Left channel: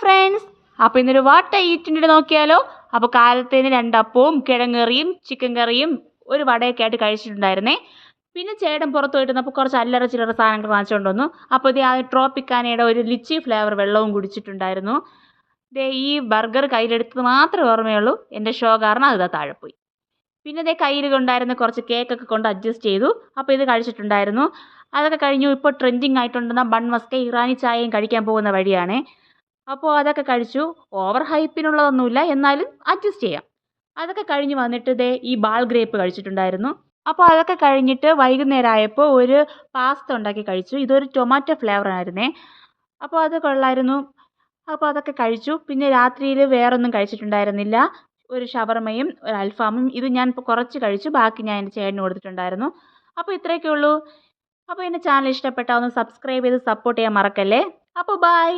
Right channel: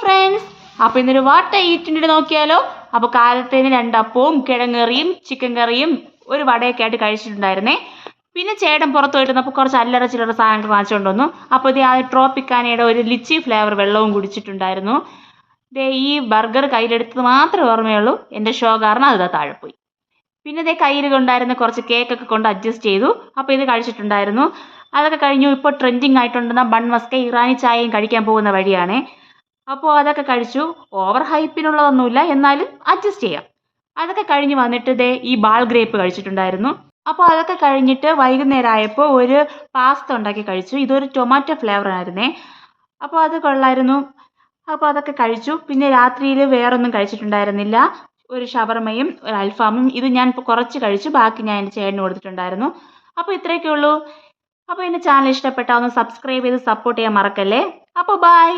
Friends, അപ്പോൾ ഇന്നൊരു വാട്ട ഈറ്റിൻ്റെ നോക്കിയാലോ. അപ്പോൾ കാലത്തേന് 2 അപ്പവും കിഴങ്ങറിയും ചിക്കൻ കറിയും ഒരു വടയൊക്കെ ആയിട്ട് കഴിച്ചിട്ടുണ്ടായിരുന്നേ. പിന്നെ ചേട്ടൻ പുറത്ത് പോയിട്ട് വന്നപ്പോൾ കുറച്ച് അല്ലറ ചില്ലറ സാധനങ്ങൾ വാങ്ങിച്ചുകൊണ്ട് വന്നു. അപ്പോൾ ഇത് ആ ട്രോപ്പിക്കാനയുടെ ഒരു ലിച്ചി ഫ്ലേവർ വെള്ളവും കുടിച്ചിട്ടുണ്ടായിരുന്നു. ഈ ബർഗർ കയ്യിലെടുത്തത് മാത്രമേ ഓർമ്മയുള്ളൂ. എൻ്റെ ഷോ കാരണം അത് താഴെ പോയി. പിന്നെ കയ്യിൽ കൊണ്ടായിരുന്ന കുറച്ച് കേക്കൊക്കെ കൊണ്ട് അഡ്ജസ്റ്റ് ചെയ്തു. അപ്പോൾ ഇത് കഴിച്ചിട്ടുണ്ടായിരുന്നു. അതൊക്കെ കഴിഞ്ഞു. ഇപ്പോൾ ട്രെൻഡിങ് ആയിട്ടുണ്ടെന്ന ബൺ മസ്ക ഇറാനി ചായയും കഴിക്കാൻ പോകുന്ന വഴിയാണ്. അപ്പോൾ അതൊക്കെ കഴിച്ചു. ഓവർ ഹൈപ്പിനുള്ളതൊന്നുമില്ല, എന്നാലും അഡ്ജസ്റ്റ് ചെയ്യാം. അതൊക്കെ കഴിഞ്ഞ് വന്നിട്ട് ഈ ബാൾ ഗ്രേപ്പ് കഴിച്ചിട്ടുണ്ടായിരുന്നു. അപ്പോൾ അതൊക്കെ കഴിഞ്ഞിട്ട് വൈകുന്നേരം ആയപ്പോൾ ഒരു പാസ്ത ഉണ്ടാക്കി കഴിച്ചു. ഇതൊരു ടൊമാറ്റോ ഫ്ലേവർ ആയിരുന്നേ. അപ്പോൾ അത് കൊള്ളായിരുന്നു. അപ്പോൾ അതൊക്കെ കഴിച്ചു. പിന്നെ രാത്രിയിൽ വേറൊന്നും കഴിച്ചിട്ടുണ്ടായിരുന്നില്ല. ഒരു ഷവർമയും ഒരു അൽഫാമും. ഇത് ഞാൻ ഇപ്പോൾ കുറച്ച് കഴിച്ചു, ബാക്കി ഞാൻ എൻ്റെ ചേട്ടന് കൊടുത്തിട്ടുണ്ടായിരുന്നു. അപ്പോൾ ഇത്രയൊക്കെ ഉള്ളൂ. അപ്പോൾ എൻ്റെ ചാനൽ ഇഷ്ടപ്പെട്ടാൽ ഒന്ന് സബ്സ്ക്രൈബ് ചെയ്ത് സപ്പോർട്ട് ചെയ്യാൻ മറക്കല്ലേ. അപ്പോൾ ബൈ.